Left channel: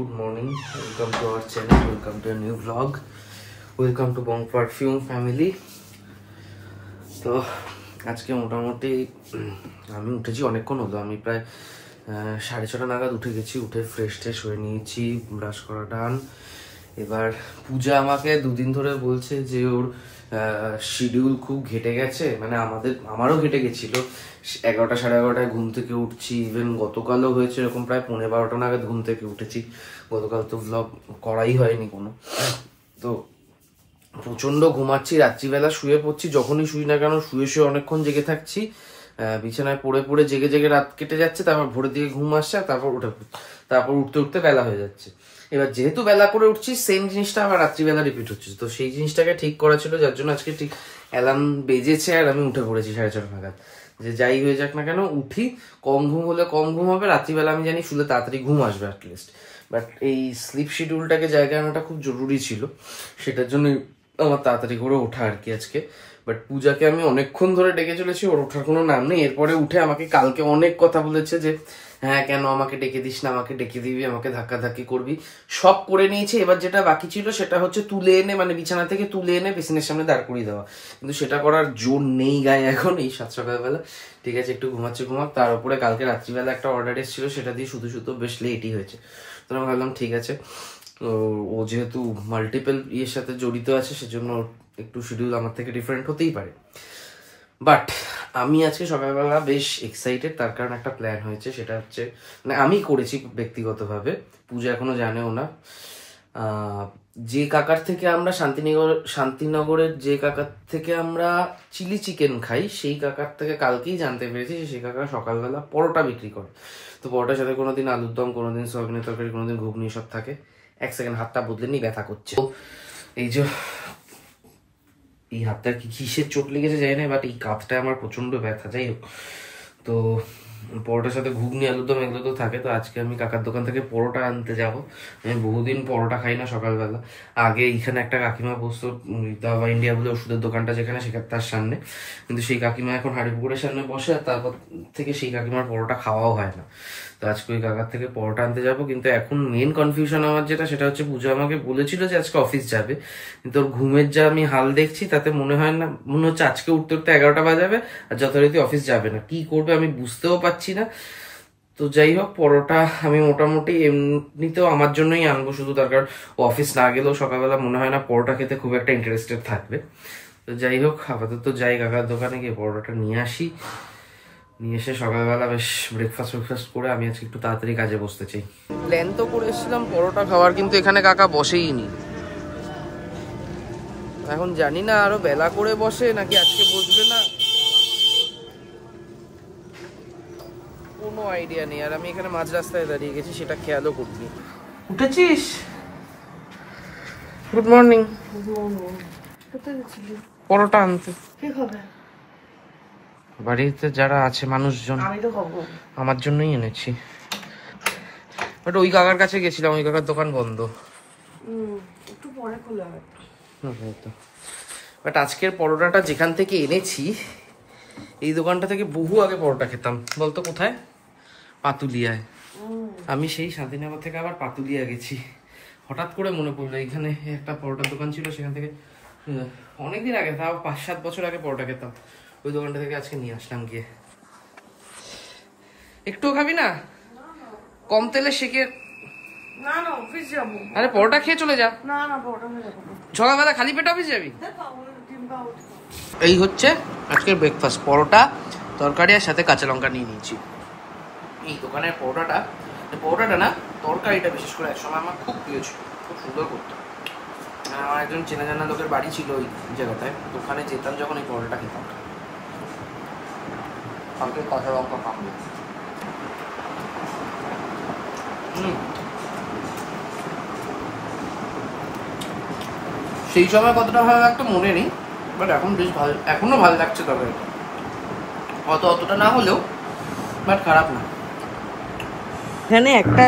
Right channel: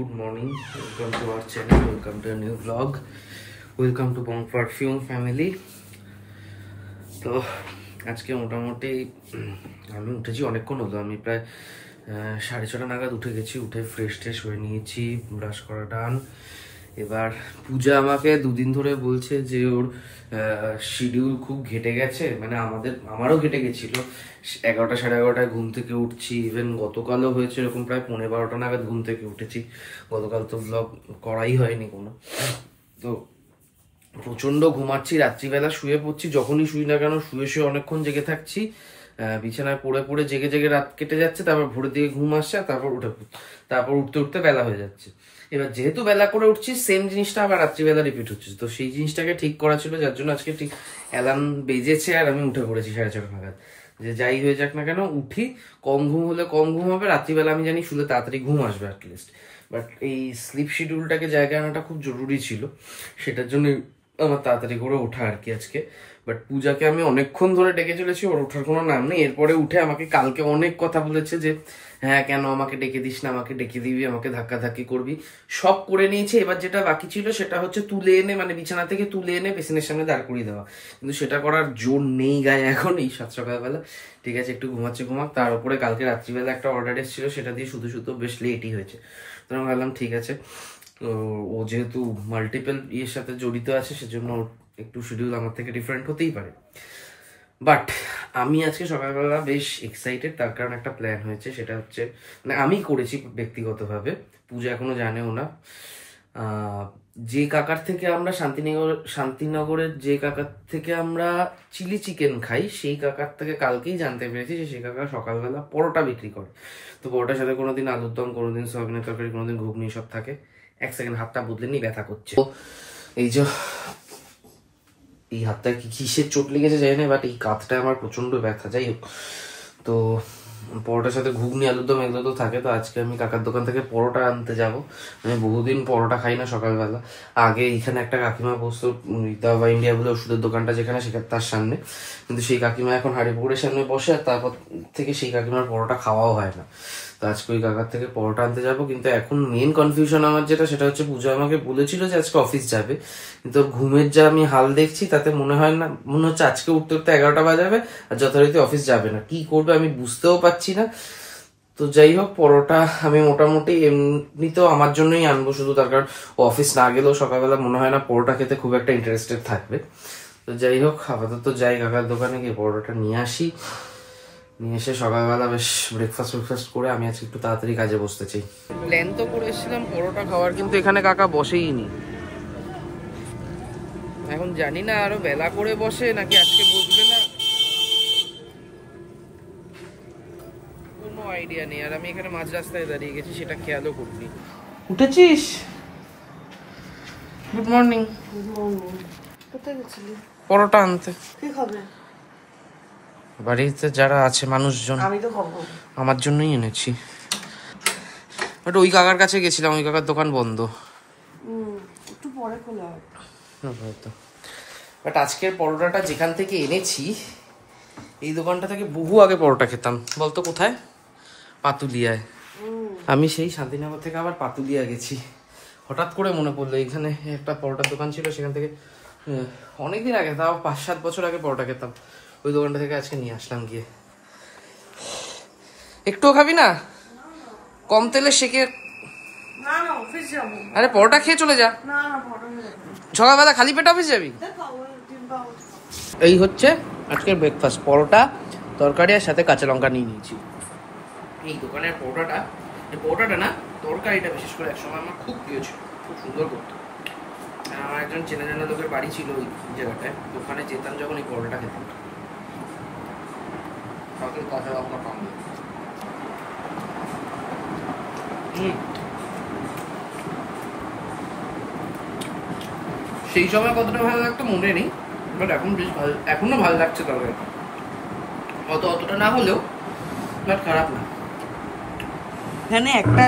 good morning. Welcome to our channel. Welcome to a new vlog. Welcome to Bong Perfume family. তো আজকে মোটামুটি আমি উঠেছি অনেকক্ষণ হলো। আমি প্রায় 6:30 নাগাদ উঠে গেছি। উঠে ফ্রেশ হয়ে নিয়েছি, ব্রাশ করা ডান। এবার পূজা আমাকে দুদিন ধরে বলছে যে ওর শিডিউল খুব ঘেটে গেছে, মানে আমারও ঘেটে গেছিল। 11টা 11:30 ঘুম থেকে উঠছি। ইভেন গতকালও হয়েছে এরকম, প্রায় 12:30 নাগাদ ঘুম থেকে উঠেছি। গতকাল তো ভ্লগ করাই হয়নি কোনো। তো প্রচন্ড ঘুমাচ্ছি, রাত্রিবেলা শুয়ে পড়ছি। যখনই শুই না কেন শুয়ে অনেকক্ষণ জেগে থাকছি। বিছানায় পড়ে জেগে রাত কেটে যাচ্ছে। তারপর ভোরের দিকে ঘুম আসছে, তারপর উঠতে বেলা হয়ে যাচ্ছে। এবার যেহেতু বেলা করে উঠছি, সেম জিনিসটা আবার রাত্রিবেলা রিপিট হচ্ছে। তো সেই জিনিসটাকে ঠিক করা ছিল, যার জন্য আজকে ঠিক অ্যালার্ম বেজেছে আর আমি উঠে পড়েছি 4:30 নাগাদ। যে যাই হয়ে যাক না কেন উঠি। কম ঘুম হলে কম ঘুম হবে, রাত্রিবেলা আমি জানি শুলে তাড়াতাড়ি ঘুম আসবে অ্যাটলিস্ট। বাট এই স্লিপ শিডিউলটাকে জায়গায় আনাটা খুব জরুরি ছিল, সেটার জন্য আমার তাড়াতাড়ি করে ওঠা আর কি আজকে। বাট পূজাকে আমি অনেকক্ষণ ধরে ডেকে চলেছি, ওর ওঠার কোনো নাম নেই। এরপরে উঠে আমাকে কালকে অনেক কথা বলেছে যে হ্যাঁ কেন আমাকে ডেকে দিস না, আমাকে ডেকে দিবি, আমাকে ধাক্কাধাক্কি করবি। সব করে নিয়েছে। এবার যেটা বাকি ছিল সেটা হচ্ছে তুলে এনে, মানে বিছানা থেকে তুলে এনে পেছনের সামনে দাঁড় করিয়ে দেওয়া। কিন্তু সেটা করার জোর নেই গায়ে এখন এই সকালবেলা। ঠিক আছে, একটু ঘুমাক। তার উপরে কালকে রাত্রিবেলা একটা অর্ডার এসেছিল, সেটা দিয়ে শুধু বেশ লেটই হয়েছে। তো আমি ভাবলাম ঠিক আছে, ও যেহেতু মাল্টিপল ইয়ের সাথে জড়িত আছে, সেজন্য একটু শিডিউল আমার থেকে ডিফারেন্ট হতেই পারে। বাট আমি আজকে সকালবেলা বেশ এক্সাইটেড, তার কারণ একটা প্ল্যান হয়েছে। সেটা হচ্ছে, মানে আমি করেছি ব্যক্তিগতভাবে, পূজা এখনো জানেও না। যে কাকার থেকে আমরা শান্তিনগরের যে কাকার থেকে আমরা চিলি চিকেন খাই, সেই কাকার থেকে কালকেই জানতে পেরেছি যে সেই কাকা সকালবেলা পরোটা বিক্রি করে। তো পরোটার সাথে কোনোদিন আলুর দম, কোনোদিন সয়াবিনের তরকারি, কোনোদিন ঘুগনি সব থাকে। এক সেকেন্ড, হাতটা বদলে নি, ব্যথা করছে। এই যে এই হাতটা কিসের চোট লেগেছে জানি না, বাট এই কাঁধটা আমার প্রচন্ড ব্যথা। যাই হোক, তো পরোটার সাথে ঘুগনি আলুর দম এগুলো তো থাকে। তো আজকে আমি কাকার দোকান থেকে পরোটা আনতে যাব। আমি বহুদিন পরোটা খাই না সকালবেলা। আগে এখানে একটা কাকিমা বসতো, দাবা ইন্ডিয়া বলে ওষুধের দোকানটা যেখানে, সেখানে তার সামনে। কিন্তু সেই কাকিমা এখন হাড়িপুকুরের সামনে বসে, আর তারপর থেকে সেই কাকিমার পরোটা খাওয়াও হয় না। তো আজকে ওই কাকার থেকে পরোটা আনতে যাবো। কিন্তু এখন মেন কনফিউশন আমার সেটা হচ্ছে, পূজা আমাকে বলেছিল যে আজকে অফিস যাবে, কিন্তু ওর ঘুমের যা আমি হাল দেখছি তাতে মনে হচ্ছে আজকে উঠতে 11টা বাজাবে আর যথারীতি অফিস যাবে না। কি করবে আমি বুঝতেও পারছি না। তো যাই হোক, পরোটা আমি মোটামুটি এমনিতেও আমার জন্যই আনবো শুধু, তার কারণ ও অফিস না গেলেও সকালবেলা মনে হয় না পরোটা খেতে খুব একটা ইন্টারেস্টেড থাকবে। তো যাই হোক, আপাতত যাই কাকার দোকানে গিয়ে পরোটাটা নিয়ে আসি। নিয়ে এসে সকালবেলা বেশ ব্রেকফাস্ট করে আমি আজকে একটু তাড়াতাড়ি কাজে বসতে চাই। প্ল্যান তো করে এসেছিলাম পরোটা খাওয়ার, কিন্তু এখানে কাকা বসেই নি। এখন জানি না আরো বেলা করে বসে নাকি আজকে বসবে না, কোনো আইডিয়া নেই। আর আমি এখানে মাঝ রাস্তায় দাঁড়িয়ে গেছি, সেটা খেয়ালও করিনি। উঠেছিস? Good morning. পরোটা আনতে বাড়িতে যারা আছে মানুষজন, আমার জন্যই এনেছি। বাট ওই কাকার কাছে গেছিলাম, ওই কাকার দোকান বন্ধ। একটু পরে খোলা হয়। বাট আজকের পরোটাটা যেখান থেকে এনেছি, এই দোকানটা থেকে বহু আগে পরোটা খেতাম। বলতো কোথায়? পাতুলিয়ায়। আমি সেই শান্তিনগর থেকে আবার পাতুলিয়া গেছি। হঠাৎ করে মনে পড়লো এখানে একটা পরোটার দোকান ছিল, সেখান থেকে অনেকদিন আগে, তাও 5-7 বছর আগে পরোটা খেতাম। ওই দোকানটা থেকে আজকে নিয়ে আসলাম গিয়ে। একটুও খাবি না? কম তেলে শেখে। আরে পরোটা খেয়ে চলে যা। সকালবেলা খালি পেটে অফিস যাবি? এই হচ্ছে আজকের ব্রেকফাস্ট, পরোটা, তরকারি আর সাথে কাঁচা লঙ্কা নিয়ে নিয়েছি। এই দোকানের পরোটাটা না, তরকারিটা বিশেষ করে একসময় আমার খুব প্রিয় ছিল, খুব সুন্দর করতো। আমার একজন চেনা জানা লোকের বাড়ি ছিল ওই জায়গাটায়, ওখানে যেতাম যখন এই পরোটাটা খেতাম। কালকে কাঁচা লঙ্কা খাবো। সেই সময় কতটা ভালো লাগতো মনে নেই, বাট এখন বেশ ভালো, এখনো ভালো লাগছে। তবে অতটা না হলেও বাট খারাপ না। এখানে একটা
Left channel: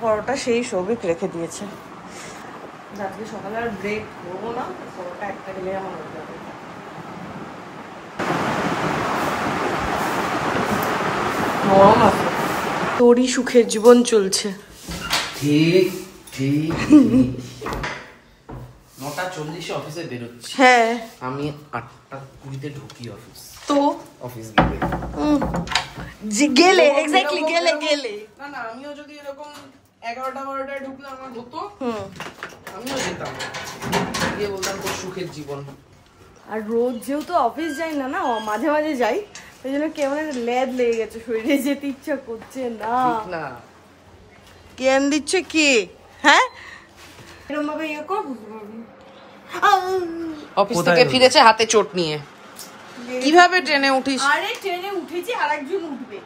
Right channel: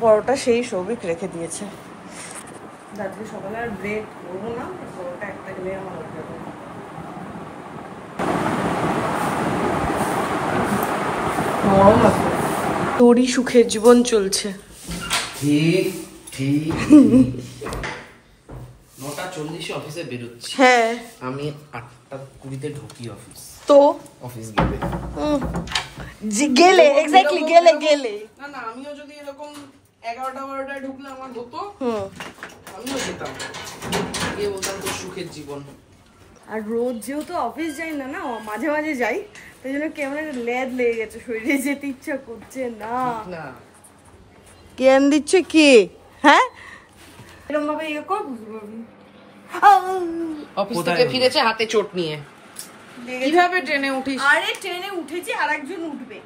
পরোটা সেই সৌভিক রেখে দিয়েছে। রাত্রে সকালে আর ব্রেক করবো না, পরোটা একটা গেলে আমার হয়ে যাবে। তোরই সুখের জীবন চলছে। ঠিক ঠিক 9:40 অফিসে বেরোচ্ছি। হ্যাঁ আমি 8:20 ঢুকি অফিস। তো অফিস গেলে গেলে এক্স্যাক্টলি গেলে না না, আমিও যদি এরকম 11টা-12টায় ঢুকলে আমার হতো, আমিও যেতাম, গিয়ে বলতাম তোর সুখের জীবন। আর রোজ যেহেতু অফিস যাই না না, মাঝে মাঝে যাই, তাই জন্য কেমন একটা ল্যাদ লেগে গেছে, শরীরে যেতে ইচ্ছা করছে না। জ্ঞান দিচ্ছে কে? হ্যাঁ এরকম ভাবে ইয়ে কর, বুঝতে পারবি। অফিস থেকে ফিরেছে হাতে চোট নিয়ে। কিভাবে ট্রেনে উঠিস? আরে ট্রেনে উঠেছি, আর একজন উঠবে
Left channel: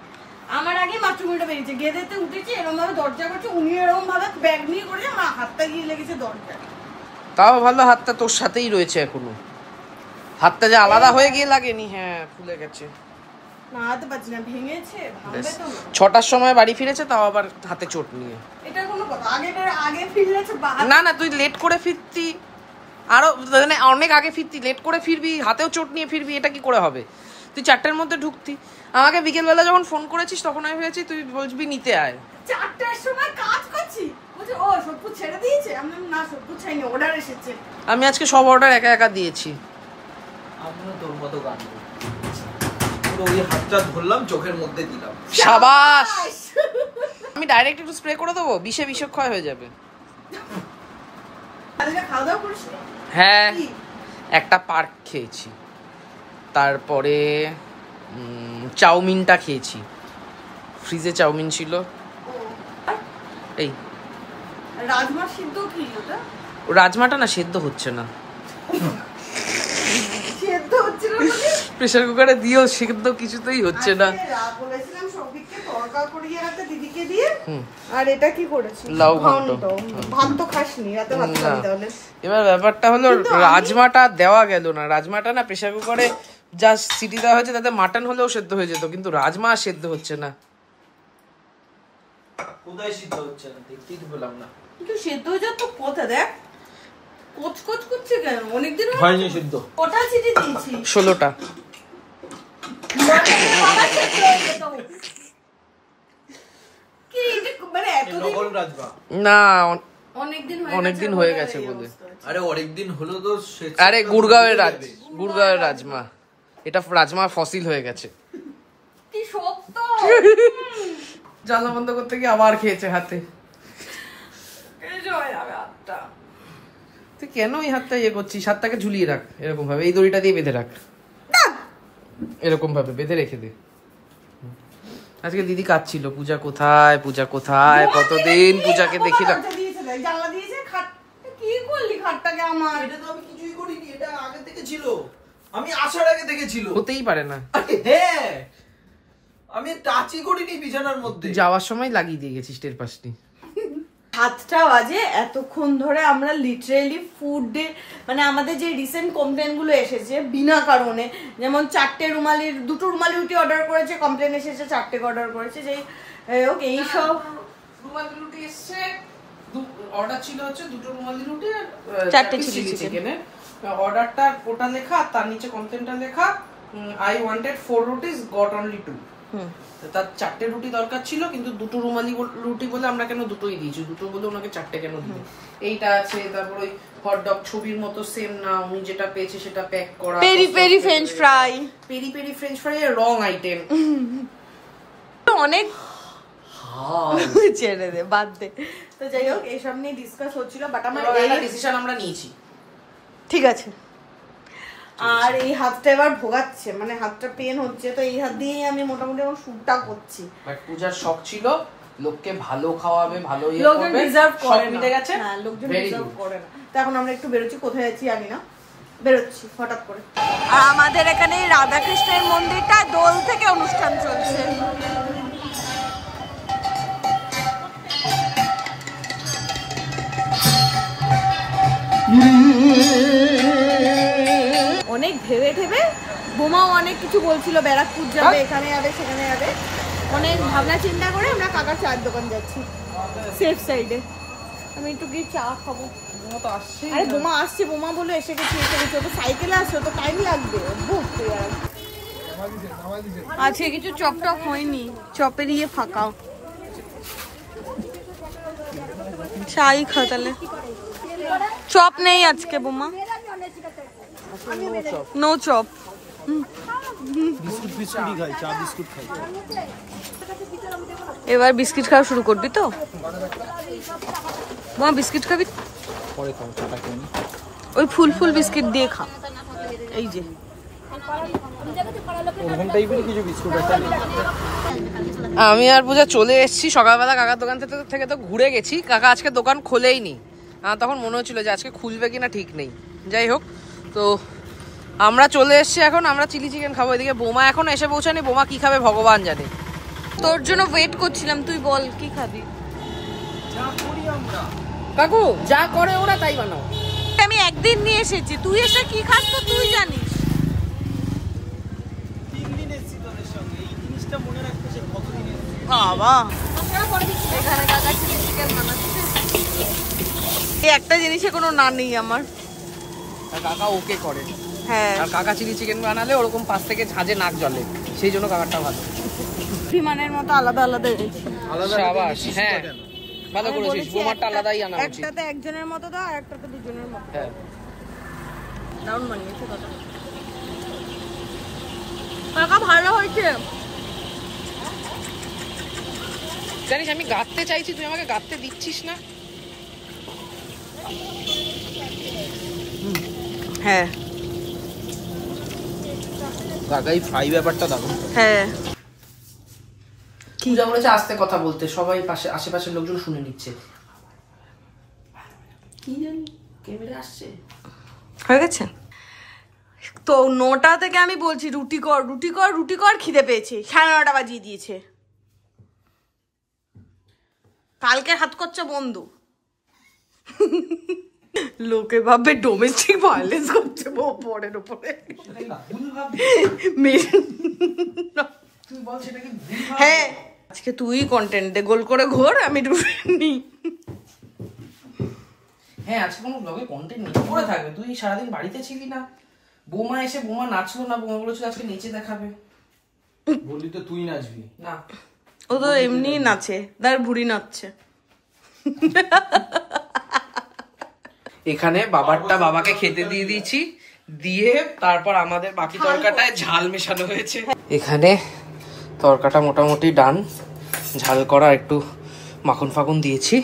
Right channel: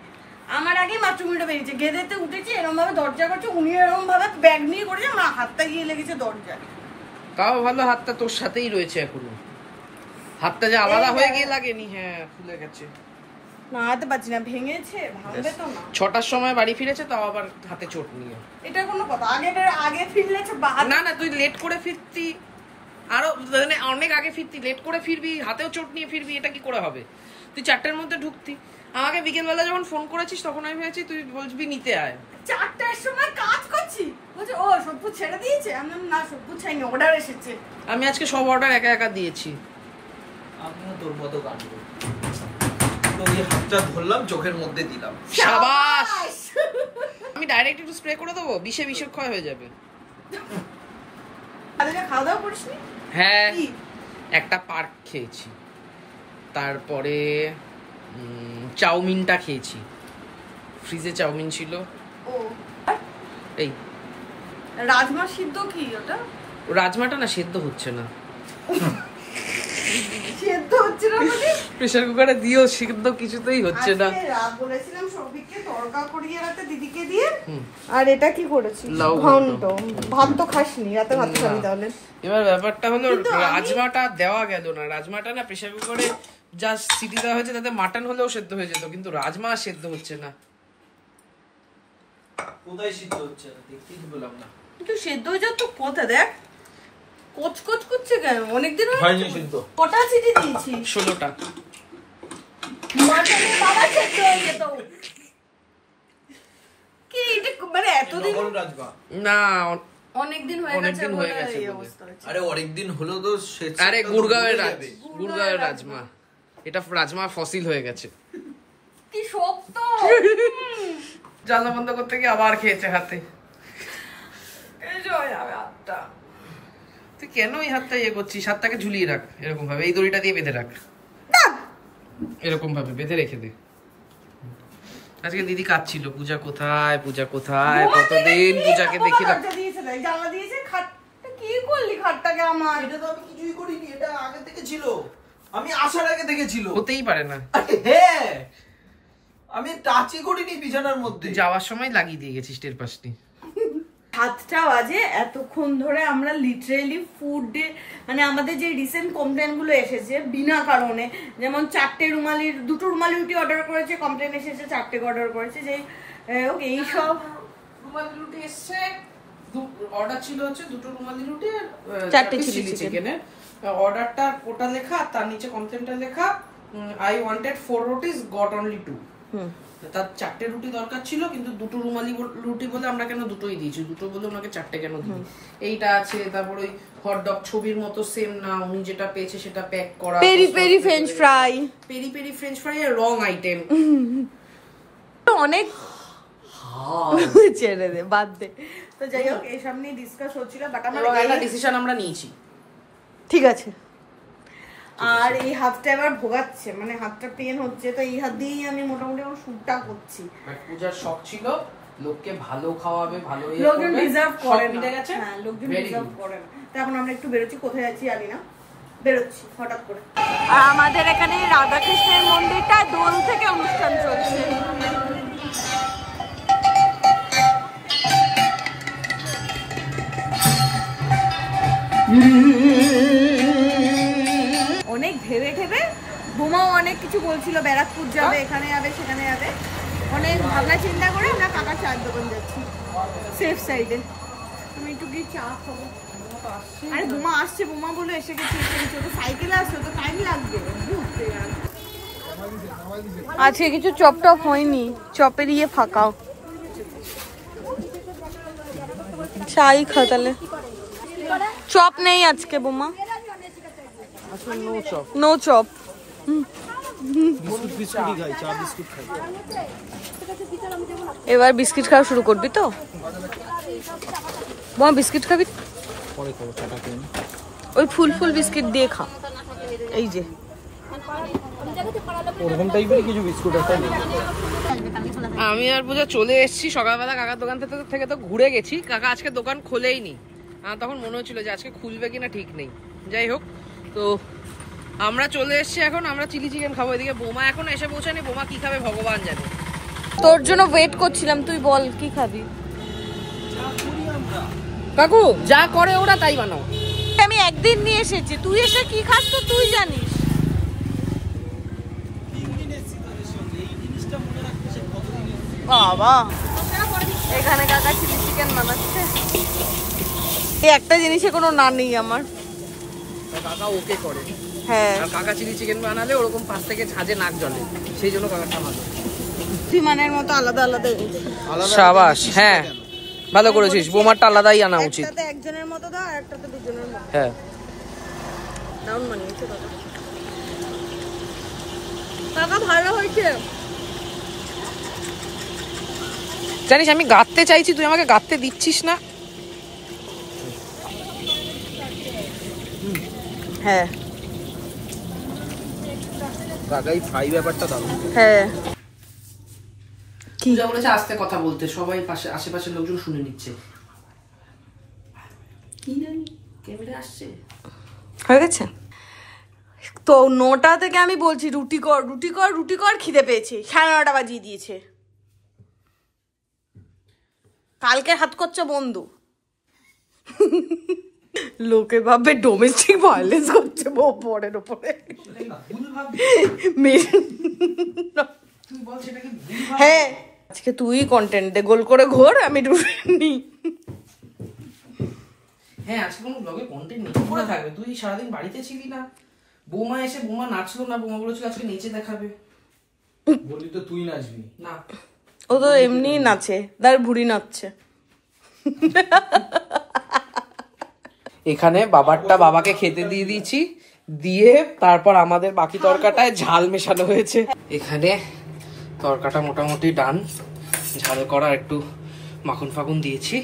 আমার আগে, মাত্র উল্টা বেরিয়েছে, গেদেতে উঠেছি, এরকম ভাবে দরজা করছে, উনি এরকম ভাবে ব্যাগ নিয়ে করেছে, আমার হাতটা গিয়ে লেগেছে দরজা। তাও ভালো হাতটা তোর সাথেই রয়েছে এখনো, হাতটা যে আলাদা হয়ে গিয়ে লাগেনি। হ্যাঁ খুলে গেছে, নাড়াতে পারছি না, ভেঙেছে, ভাঙবে তো না। 6টার সময় বাড়ি ফিরেছে, তাও আবার হাতে চোট নিয়ে। এটা কোনো কথা? আগে ফিরলে না না, তুই লেট করে ফিরতি, আরো মানে অনেক আগে ফিরতি, লেট করে ফিরবি, হাতেও চোট নিয়ে ফিরবি, এটা কি করে হবে? তুই 4টার মধ্যে ঢুকতি, আমাকে বিকেলবেলা যখন ফোন করেছিস তখন আমি ভেবেছি তুই বলবি নিতে আয়। 4টার সময় কাজ করছি, বলছে ও সবু ছেড়ে দিয়েছে, আমি না সবু ছাইনি, অর্ডার এসেছে। আমি আজকে সব অর্ডার একা একা দিয়েছি। আমিও তোর মতো গান পুরো হাতটা ধরলাম, চোখের মধ্যে দিলাম, শাবাশ। আমি ডাইরেক্ট একটু স্প্রে করে দেবো, বিষক্ষয় হয়ে যাবে। খাওয়া দাওয়া করিসনি? হ্যাঁ একটা পার্ক খেয়েছি, তারপরে চাউমিনটা খেয়েছি, ফ্রিজে চাউমিন ছিল। এই রাজমা সিদ্ধ কি ওটা? রাজমাটা না সেদ্ধ হচ্ছে না, সিদ্ধ হচ্ছে না, প্রেসার কুকারে দিয়েও সিদ্ধ কিছুতেই হচ্ছে না। বলেছিলাম সৌভিককে তড়কা করিয়ে রাতে দিদিকে দিয়ে, আর এটা কি করেছিস? লাউ ঘন্ট। ভাত তো খাসনি, রাতে ভাত খাবি তাহলে। এবার ব্যাপারটা হলো রাজমাটা দেওয়া গেল না, রাজমাটা না প্রেসার কুকারে যা সিটি দেওয়া হয়েছে তাতে মাটন হলেও সেদ্ধ হয়ে যেত, কিন্তু রাজমা সেদ্ধ হচ্ছে না। কোথায় সিদ্ধ হচ্ছে না দেখতেই পেলাম না। কিন্তু সেদ্ধ হয়ে যাচ্ছে তো কথা, দেখ কোচ কোচ করছে কেন? অনেকদিন হয়নি সিদ্ধ। কটা সিটি দিয়েছি? 16টা। কি এটা মানে এতদিন? না অনেকদিন হয়ে গেছে বলে। আরে অনেকদিন হলো তো। আরে গুড়গাঁওয়ের রাজমা, এটা রাজমা ফসিল হয়ে গেছে। কি শক্ত। জ্বালা বন্ধ করতে গিয়ে আবার খেয়েছে হাতে। তুই কেন এই হাতটা ইয়ে করছিস? হাতটাকে ঝুলিয়ে রাখ এরকম ভাবে, এই দড়িটা দিয়ে বেঁধে রাখ, এরকম ভাবে বেঁধে রেখে দে। আজকে দিদি কাঁদছিল, পূজা কোথায়, পূজা কোথায়, কতদিন পূজাকে দেখি না। জানলা দিয়েছে, খাটটা কি করলি খাটটাকে আমার? এটা তো আমি কিছুই করিনি, এটা আগে থেকে ছিল, আমি আসার আগে থেকে ছিল। হতেই পারে না। হ্যাঁ আমি টাচই করিনি বিছানার মধ্যে, যাওয়ার সময় লাগিয়ে দিয়ে গেছিস, টের পাসনি। 7টা বাজে, এতক্ষণ ধরে আমরা লিটারেলি ফুড, মানে আমাদের যে রিসেন্ট কমপ্লেন গুলো এসেছে বিনা কারণে, যেমন 2টো রুমালি রুটি অর্ডার করেছে, কমপ্লেন এসেছে 4টে অর্ডার করেছে, যে এই সব রুমালি রুটি এসেছে, অর্ডার ছিল হচ্ছে 2টো রুমালি রুটি আর 4টে চিলি চিকেনের। অর্ডারটা ওটা লেখা, তার নিচে কমপ্লেনটা লেখা, I wanted 4 rupees, got only 2। তার 4টে রুটি দরকার ছিল, কিন্তু 2টো রুমালি রুটি বলে আমরা কেন দুটোই দিয়েছি, 2টো বলে ওনাকে 4টে কেন দিই। এইটা আছে, তারপর ওই হটডগ ছবির মতো সেম না, উনি যেটা পেয়েছে সেটা প্যাক করা, পেরি পেরি ফ্রেঞ্চ ফ্রাই, রং আইটেম অনেক। ছেড়ে দে, বাদ দে। তো যাই হোক, এইসব নিয়ে ডিসকাস হচ্ছিল, বাট আমার এই ডিসিশন আমরা নিয়েছি, ঠিক আছে। আর এই হাতটা এবার ভোগাচ্ছে, মানে হাতটা পেন হচ্ছে, তো এই হাত দিয়েই আমি মোটামুটি আমার শুটটা করছি। বাট পূজার শখ ছিল লোককে ভালো খাওয়াবে, ভালো লোকজন ডিজার্ভ করে না। গেছে, হ্যাঁ লোকজন ডিজার্ভ করে না। তো এখন আমরা একটু বেরোচ্ছি, কোথায় যাচ্ছি আগে না, বেরোচ্ছি হঠাৎ করে। আর আমাদের এখানে রাধাকৃষ্ণের মন্দিরটা দোল থেকে অনুষ্ঠান চলছে। অনেক ভেবে বোমাও অনেক কিছু বলছিল, ব্যারাকপুর যাবে, এখানে যাবে, সেখানে যাবে, অনেক ভাবনা চিন্তা করে আমরা কাকার চায়ের দোকান যাচ্ছি সেফ সাইডে। আমি একটু গিয়ে চা খাবো। আরে বোমা আসছে, বোমা বলে এসে গেছে, তো সাইকেলে আসছে, তো টাইম লাগবে বুঝতে। আজকে কিছু চপ টপ হয়নি, চপের ইয়ে ফাঁকাও। চাই খা তাহলে। চপ নেই আজকে বোমা, নো চপ। এবার বিস্কিট খাওয়া শুরু করবি তো? বোমা বিস্কিট খাবি? পরে খাবো, চাটা খেয়ে নি। ওই ফুল ফুল বিস্কিট দিয়ে খা। এই যে ওরকম টাইপের কিছু বিস্কুট আছে। আমি আর পূজা চলে এসেছি সকালবেলা কাকার দোকান থেকে তো ঘুরে গেছি। কাকা আজকে দোকান খোলেই নি। তখন মনে হচ্ছিল যে আজকে খুলবে কিনা ঠিক নেই। যাই হোক, তো আমরা চলে এসেছি এখন। আমরা চিলি চিকেন খাবো। এদিকে বোমা এখন এসে পৌঁছানি। বোমা কি খাবে ভগবান জানে। তোর জন্য ওয়েট করছিলাম, তুই বল কি খাবি। কাকু যা করে ওরা তাই বানাও। আমি একদিন নিয়ে এসেছি, তুই এসে কি খাস তো তুই জানিস। বাবা এখানে কাকা চিলি চিকেন বানাচ্ছে। এই একটা জিনিসে কোনো না নেই আমার। কাকা ওকে করে। হ্যাঁ, কাকা চিলি চিকেন বানালে ওরকম পাশ থেকে ঝাঁজে নাক জ্বলে, সেই জন্য কাকারটা ভালো। বিমানের মতো আলাদা আলাদা। সাবাস, হ্যাঁ ভালো করেছিস। বোমারটা আলাদাই আনা উচিত। একটাতে একজনের মতো দাও, আর একটাতে দুজনের মতো। হ্যাঁ দারুণ বানিয়েছে কাকা। কাকা ভালো হয়েছে। জানিস আমি গাঁততে চাইছি, তুই আমাকে গাঁততে দিচ্ছিস না। হ্যাঁ কাকাই ফ্রাই ব্যাপারটা দারুণ। হ্যাঁ কি যা বলেছে আস্তে কথা বলতে, সবাই পাশে আশেপাশের লোকজন শুনে নিচ্ছে। কি জানি ক্যামেরা আসছে। হয়ে গেছে তো 9টা থেকে আমি বলছি রুটি কর রুটি কর রুটি কর, খিদে পেয়েছে। 9:30 বাজিয়ে দিয়েছে। কালকে হাত করছে বন্ধু। লোকে ভাবে ডোমেস্টিক ভায়োলেন্স করছে বরের উপরে। হ্যাঁ আজকে তুই কন্টেন্ট দে, গোল করে ঘোর, আমি নি। হ্যাঁ আজকে কোনো ব্লগে কন্টেন্ট নেই, পড়ে থাকবে। তুই সারাদিন বাড়িতে ছিলি না। বোমা এসে বোমা নাচলো না, বোমা বলেছিল আজকে নেচে দেখাবে। বললি তো তুই নাচবি না, ও তো এমনি নাচে, তার ভুড়ি নাচছে। এখানে বাবারটা বাবাকে খেতে দিয়ে দিয়েছি, দিয়ে তারপর আমাদের বাকি তরকাটায় ঝাল মেশানো হয়েছে। এখানে তরকাটা মোটামুটি ডান, ঝাল করা, একটু মাখন ফাখন দিয়েছি।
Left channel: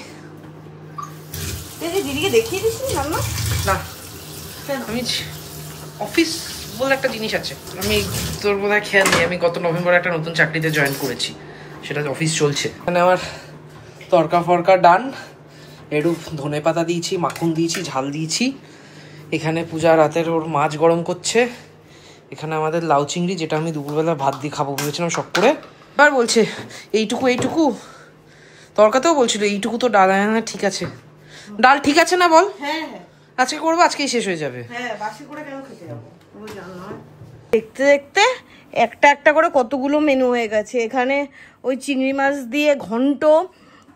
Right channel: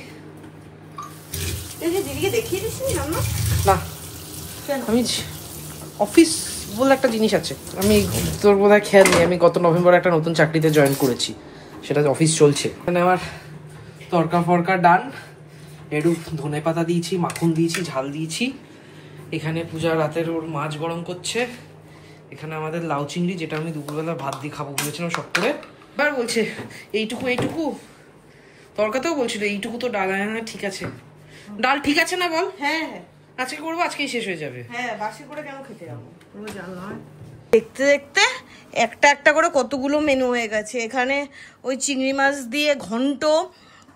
না আমি অফিস বলে একটা জিনিস আছে, আমি তোর বোধহয় খেয়াল নেই, আমি গত নভেম্বরে একটা নতুন চাকরিতে জয়েন করেছি, সেটা অফিস চলছে। এখানে আমার তরকা ফরকা ডান, একটু ধনে পাতা দিয়েছি, মাখন দিয়েছি, ঝাল দিয়েছি। এখানে পূজা রাতের ওর মাছ গরম করছে। এখানে আমাদের লাউ চিংড়ি, যেটা আমি দুপুরবেলা ভাত দিয়ে খাবো বলেছিলাম সব করে। এবার বলছে এইটুকু এইটুকু, তরকাতেও বলছিল এইটুকু তো ডাল। হ্যাঁ ঠিক আছে, ডাল ঠিক আছে না বল। হ্যাঁ আজকে করবো, আজকেই শেষ হয়ে যাবে। হ্যাঁ বাসি করে কেন খেতে যাবো। দেখতে দেখতে একটা একটা করে কতগুলো মেনু হয়ে গেছে। এখানে ওই চিংড়ি মাছ দিয়ে ঘন্ট,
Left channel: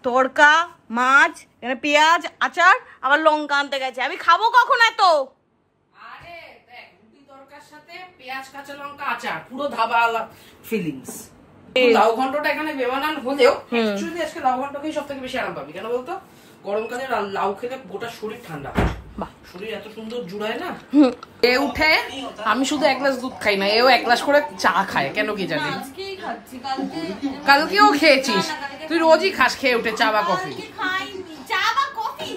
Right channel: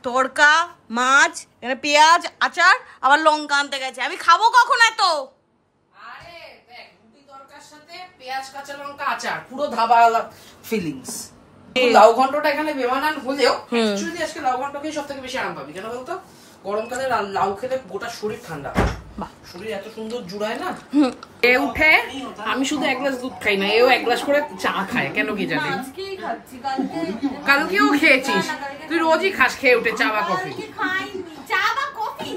তড়কা, মাছ, এখানে পেঁয়াজ, আচার, আবার লঙ্কা আনতে গেছে। আমি খাবো কখন এত? আরে দেখ, রুটি তরকার সাথে পেঁয়াজ কাঁচা লঙ্কা আচার, পুরো ধাবাওয়ালা ফিলিংস। লাউ ঘন্টটা এখানে বেমানান হলেও অ্যাকচুয়ালি আজকে লাউ ঘন্টকেই সব থেকে বেশি আরাম পাবি। কেন বলতো, গরমকালে লাউ খেলে গোটা শরীর ঠান্ডা, শরীর এত সুন্দর জুড়ায় না। এ উঠে আমি শুধু এক গ্লাস দুধ খাই না, এও এক গ্লাস করে চা খায়, কেন কি জানি। কালকেও খেয়েছিস তুই, রোজই খাস খেয়ে উঠে চা বা কফি।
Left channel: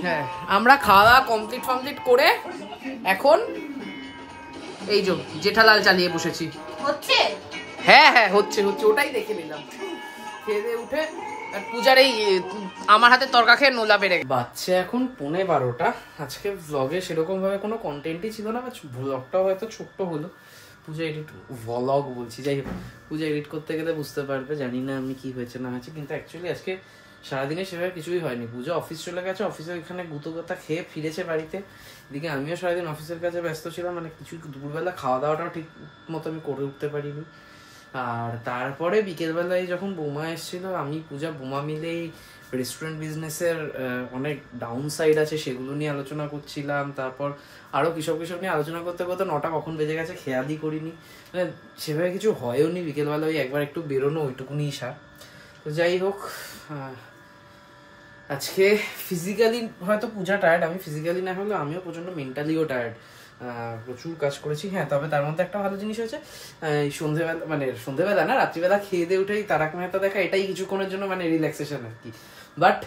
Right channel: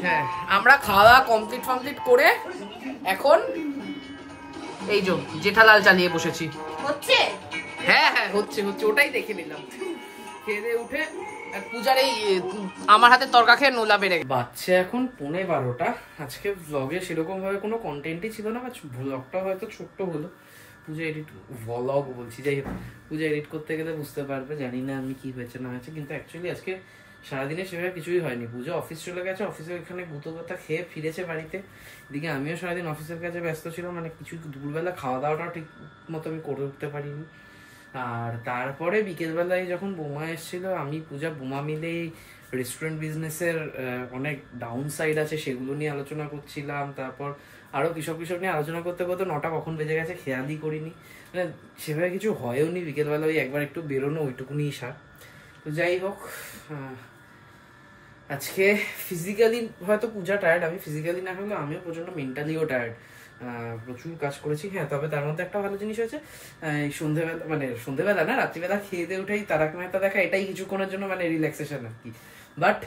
হ্যাঁ আমরা খাওয়া কমপ্লিট করে এখন এই যে জেঠালাল চালিয়ে বসেছি। হ্যাঁ হ্যাঁ হচ্ছে, ওটাই দেখে নিলাম। খেয়ে উঠে পূজার এই আমার হাতে তরকা খেয়ে নোলা বেড়ে বাচ্চা। এখন 11:15। আজকে ভ্লগে সেরকম ভাবে কোনো কন্টেন্টই ছিল না, ভ্লগটা হয়তো ছোট্ট হলো। পূজা এডিট ভ্লগ বলছি, যাই হোক পূজা এডিট করতে গেলে বুঝতে পারবে, জানি না আমি কি হয়েছে না হয়েছে। কিন্তু অ্যাকচুয়ালি আজকে সারাদিনে সেভাবে কিছুই হয়নি। পূজা অফিস চলে গেছে, অফিসে ওইখানে গুঁতো কথা খেয়ে ফিরেছে বাড়িতে। এদিকে আমিও সারাদিন অফিসের কাজে ব্যস্ত ছিলাম, মানে কিছু দুপুরবেলা খাওয়া দাওয়াটাও ঠিক মতো আমি করে উঠতে পারিনি। আর তারপরে বিকেলবেলায় যখন বোমা এসেছিল, আমি পূজা বোমা মিলেই রেস্টুরেন্ট বিজনেসের অনেক ডাউন সাইড আছে সেগুলো নিয়ে আলোচনা করছিলাম। তারপর আরো কিসব নিয়ে আলোচনা করতে করতে 9টা কখন বেজে গেছে খেয়ালই করিনি, মানে সেভাবে কিছু হয়ও নি। বিকেলবেলা ওই একবার একটু বেরোনো, ওইটুকুনি ইশা। তো যাই হোক, আজকে ফিজিক্যালি হয়তো পূজা টায়ার্ড, আমি ফিজিক্যালি না হলেও আমিও প্রচন্ড মেন্টালিও টায়ার্ড, প্রচুর কাজ করেছি। হ্যাঁ, তবে তার মধ্যে একটা ভালো জিনিস হয়েছে, সন্ধ্যেবেলা মানে সন্ধ্যেবেলা না, রাত্রিবেলা খেয়ে দিয়ে উঠেই তারক মেহতা দেখা, এটাই কিছুক্ষণের জন্য মানে রিল্যাক্সেশন আর কি। বাট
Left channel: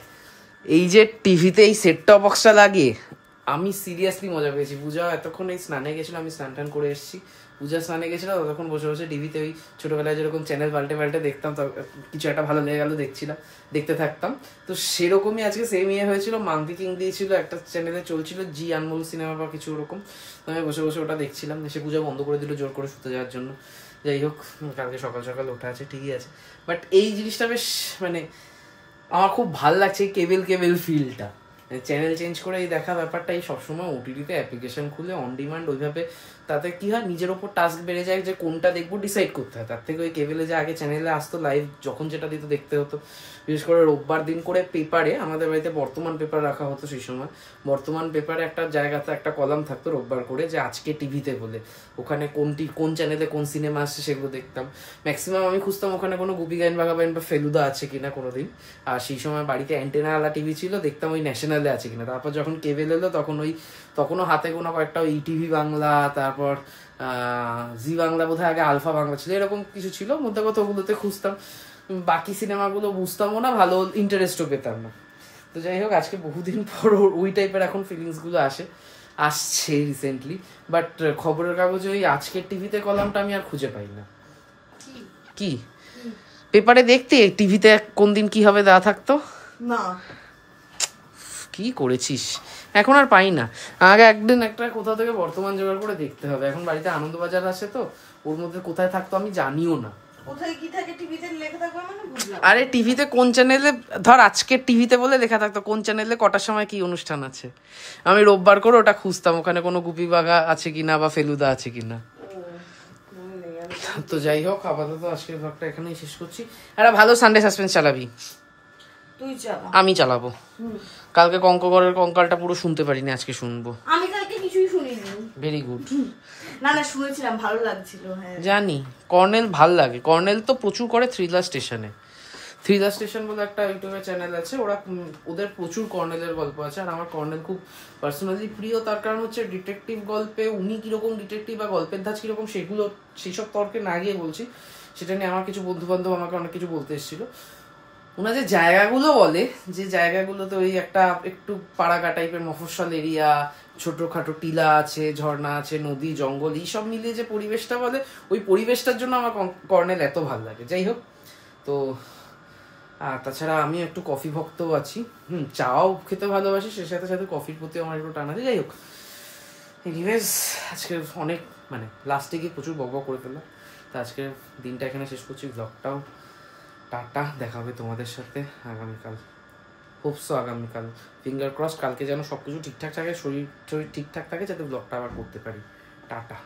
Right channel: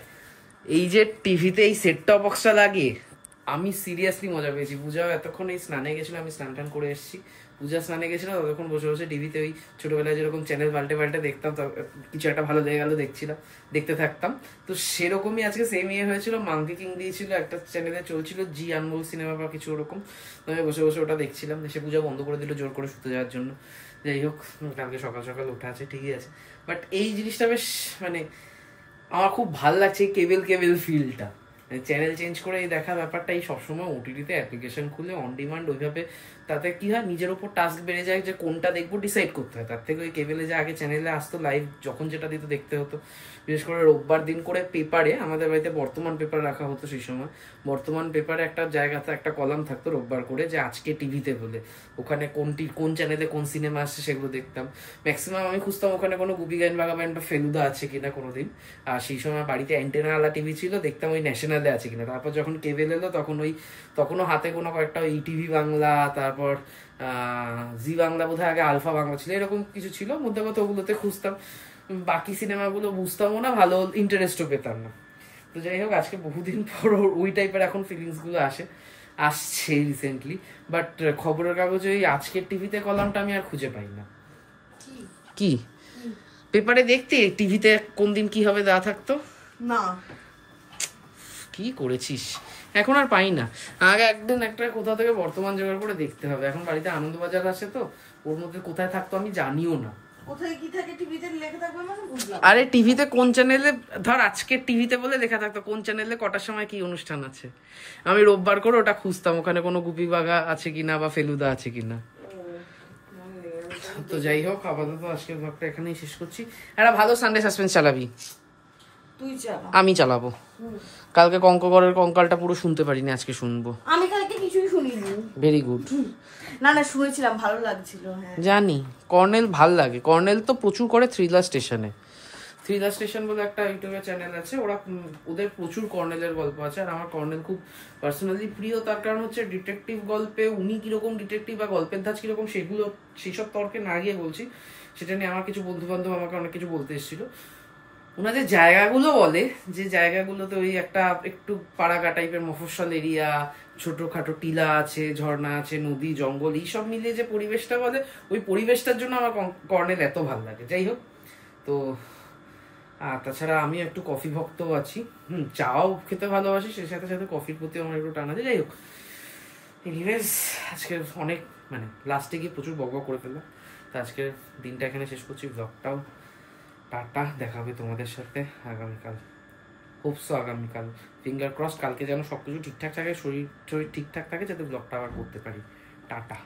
এই যে টিভিতে এই সেট টপ বক্সটা লাগিয়ে আমি সিরিয়াসলি মজা পেয়েছি। পূজা এতক্ষণ এই স্নানে গেছিল, আমি স্নান টান করে এসেছি, পূজা স্নানে গেছিল, ততক্ষণ বসে বসে টিভিতে ওই ছোটবেলায় যেরকম চ্যানেল পাল্টে পাল্টে দেখতাম, কিছু একটা ভালো লেগে গেল দেখতে থাকতাম। তো সেরকমই আজকে সেম ইয়ে হয়েছিল, মাঙ্কি কিং দিয়েছিল একটা চ্যানেলে, চলছিল জি আনমোল সিনেমা বা কিছু ওরকম, আমি বসে বসে ওটা দেখছিলাম। সে পূজা বন্ধ করে দিল জোর করে শুতে যাওয়ার জন্য। যাই হোক, কালকে সকাল সকাল ওঠা আছে, ঠিকই আছে। বাট এই জিনিসটা বেশ মানে আমার খুব ভাল লাগছে, কেবল ফিলটা, চ্যানেল চেঞ্জ করে এই দেখা ব্যাপারটা। এই সবসময় ওটিটিতে অ্যাপ্লিকেশন খুলে অন ডিমান্ড ওইভাবে, তাতে কি হয় নিজের ওপর টাস্ক বেড়ে যায় যে কোনটা দেখবো ডিসাইড করতে হয়। তার থেকে ওই কেবেলে যে আগে চ্যানেলে আসতো লাইভ, যখন যেটা দিত দেখতে হতো। বিশেষ করে রোববার দিন করে পেপারে, আমাদের বাড়িতে বর্তমান পেপার রাখা হতো সেই সময়, বর্তমান পেপারে একটা জায়গাতে একটা কলাম থাকতো রোববার করে, যে আজকে টিভিতে বলে, ওখানে কোন চ্যানেলে কোন সিনেমা আসছে সেগুলো দেখতাম। ম্যাক্সিমাম আমি খুঁজতাম ওখানে কোনো গুপি গাইন বাঘাবাইন বা ফেলুদা আছে কিনা কোনোদিন। আর সেই সময় বাড়িতে অ্যান্টেনাওয়ালা টিভি ছিল, দেখতাম ওই ন্যাশনালে আছে কিনা। তারপর যখন কেবেল এলো তখনও হাতে কোনো কয়েকটা ওই টিভি বাংলা, তারপর জি বাংলা, বোধহয় আগে আলফা বাংলা ছিল, এরকম কিছু ছিল। মধ্যে কথা ওগুলোতে খুঁজতাম, বাকি সিনেমাগুলো বুঝতামও না, ভালো ইন্টারেস্টও পেতাম না। তো যাই হোক, আজকে বহুদিন পর ওই টাইপের এখন ফিলিংসগুলো আসছে রিসেন্টলি। বাট খবরের কাগজে ওই আজকের টিভিতে কলামটা আমি আর খুঁজে পাই না। কি পেপারে দেখতে টিভিতে কোন দিন কি হবে দেওয়া থাকতো না? কি করেছিস, এখন আর পাই না। আগে একদিন একটা কোথা থেকে বর্তমান জোগাড় করে দেখতে হবে। এখন বাড়িতে আনন্দবাজার আছে, তো ওর মধ্যে কোথায় থাকতো আমি জানিও না। কোথায় কি থাকে টিভিতে লেখা থাকবে মানে বুঝলাম। আরে টিভিতে কোন চ্যানেলে, ধর আজকে টিভিতে বলে লেখা থাকতো কোন চ্যানেলে কটার সময় কি অনুষ্ঠান আছে, আমি রোববার করে ওটা খুঁজতাম, ওখানে কোনো গুপি বাঘা আছে কিনা বা ফেলুদা আছে কিনা। তো যাই হোক, আপাতত আজকের ব্লগটা এখানেই শেষ করছি। একটা ভালো সানডে সাসপেন্স চালাবি? তুই চালা। আমি চালাবো। কালকে কঙ্কগড়ের কঙ্কালটা পুরো শুনতে পারিনি, আজকে শুনবো। আমি কালকে কিছুই শুনিনি। Very good. না শুনেছিলাম, ভালো লাগছিল। হ্যাঁ জানি, কর্নেল ভাল লাগে। কর্নেল তো প্রচুর করে থ্রিলার স্টেশন বলে একটা ইউটিউবের চ্যানেল আছে, ওদের প্রচুর কর্নেলের গল্প আছে। আর আমার কর্নেল খুব পার্সোনালি প্রিয়, তার কারণ হচ্ছে ডিটেকটিভ গল্পে উনি কিরকম ডিটেকটিভ বা গল্পের ধাঁচ কিরকম, সেইসব তর্কে না গিয়ে বলছি, সেটা নিয়ে আমার কিছু বন্ধু বান্ধব আমাকে অনেক কিছু বলতে এসেছিল। ওনার যে জায়গাগুলো বলে, যে জায়গাগুলোতে ওই একটা একটু পাড়াগা টাইপের মফস্বল এরিয়া, ছোটখাটো টিলা আছে, ঝর্ণা আছে, নদী, জঙ্গল, এইসব মিলিয়ে যে পরিবেশটা বলে, ওই পরিবেশটার জন্য আমার কর্নেল এত ভালো লাগে। যাই হোক, তো তাছাড়া আমি একটু কফি ভক্তও আছি, চাও খেতে ভালোবাসি, সে সাথে সাথে কফির প্রতি আমার একটু টান আছে। যাই হোক, এনিওয়েজ আজকে অনেক মানে লাস্টে গিয়ে প্রচুর বকবক করে ফেললাম। তো আজকের দিনটা এখানে শেষ করছি, ব্লগটাও টাটা, দেখা হবে তোমাদের সাথে আগামীকাল, হোপসো আগামীকাল, ফিঙ্গার ক্রস, কালকে যেন সবকিছু ঠিকঠাক থাকে, শরীর ঠিকঠাক থাকে, যাতে ব্লগটা আবার করতে পারি। টাটা।